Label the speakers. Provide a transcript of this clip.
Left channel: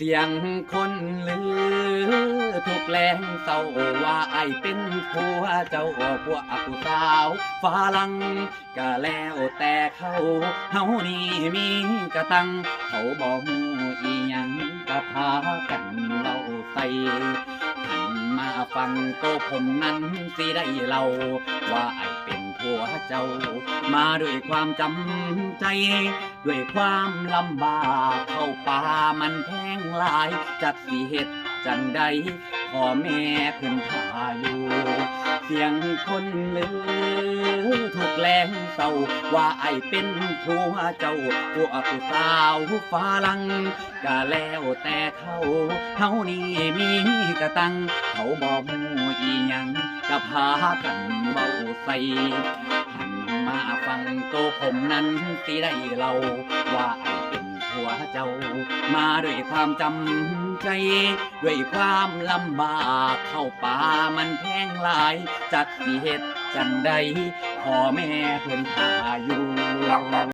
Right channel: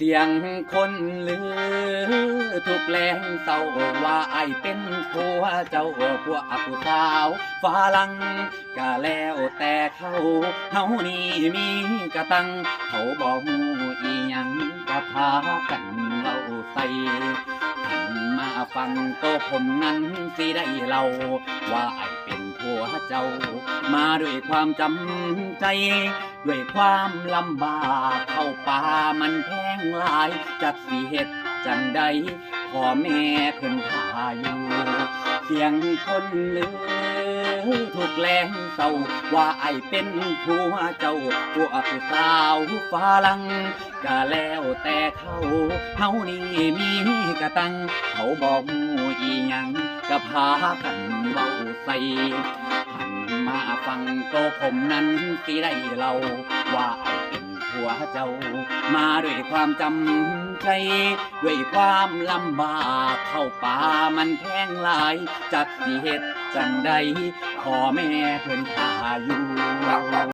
Speaker 1: เสียงคนลือ ทุกแรงเศร้าว่าไอายเป็นผัวเจ้าพวกผู้สาวฝรั่งก็แล้วแต่เขาเฮานี่มีกระตัง เขาบอกอีหยังก็พากันเล่าใส่หันมาฟังตัวผมนั้นสิได้เล่าว่าไอาย เป็นผัวเจ้า มาด้วยความจำใจ ด้วยความลำบากเข้าป่ามันแพงหลาย จักสีเห็ดจังใดพ่อแม่เพิ่นพาอยู่ เสียงคนลือ แรงเศร้าว่าไอเป็นผัวเจ้าพวกผู้สาวฝรั่งก็แล้วแต่เขาเฮานี่มีกระตัง เขาบอกมูอีหยังก็พากันเบาใส่หันมาฟังโตผมนั้นสิได้เล่าว่าไอเป็นผัวเจ้า มาด้วยความจำใจ ด้วยความลำบากเข้าป่ามันแพงหลายจากสิเหตุจังใด พ่อแม่เพิ่นพาอยู่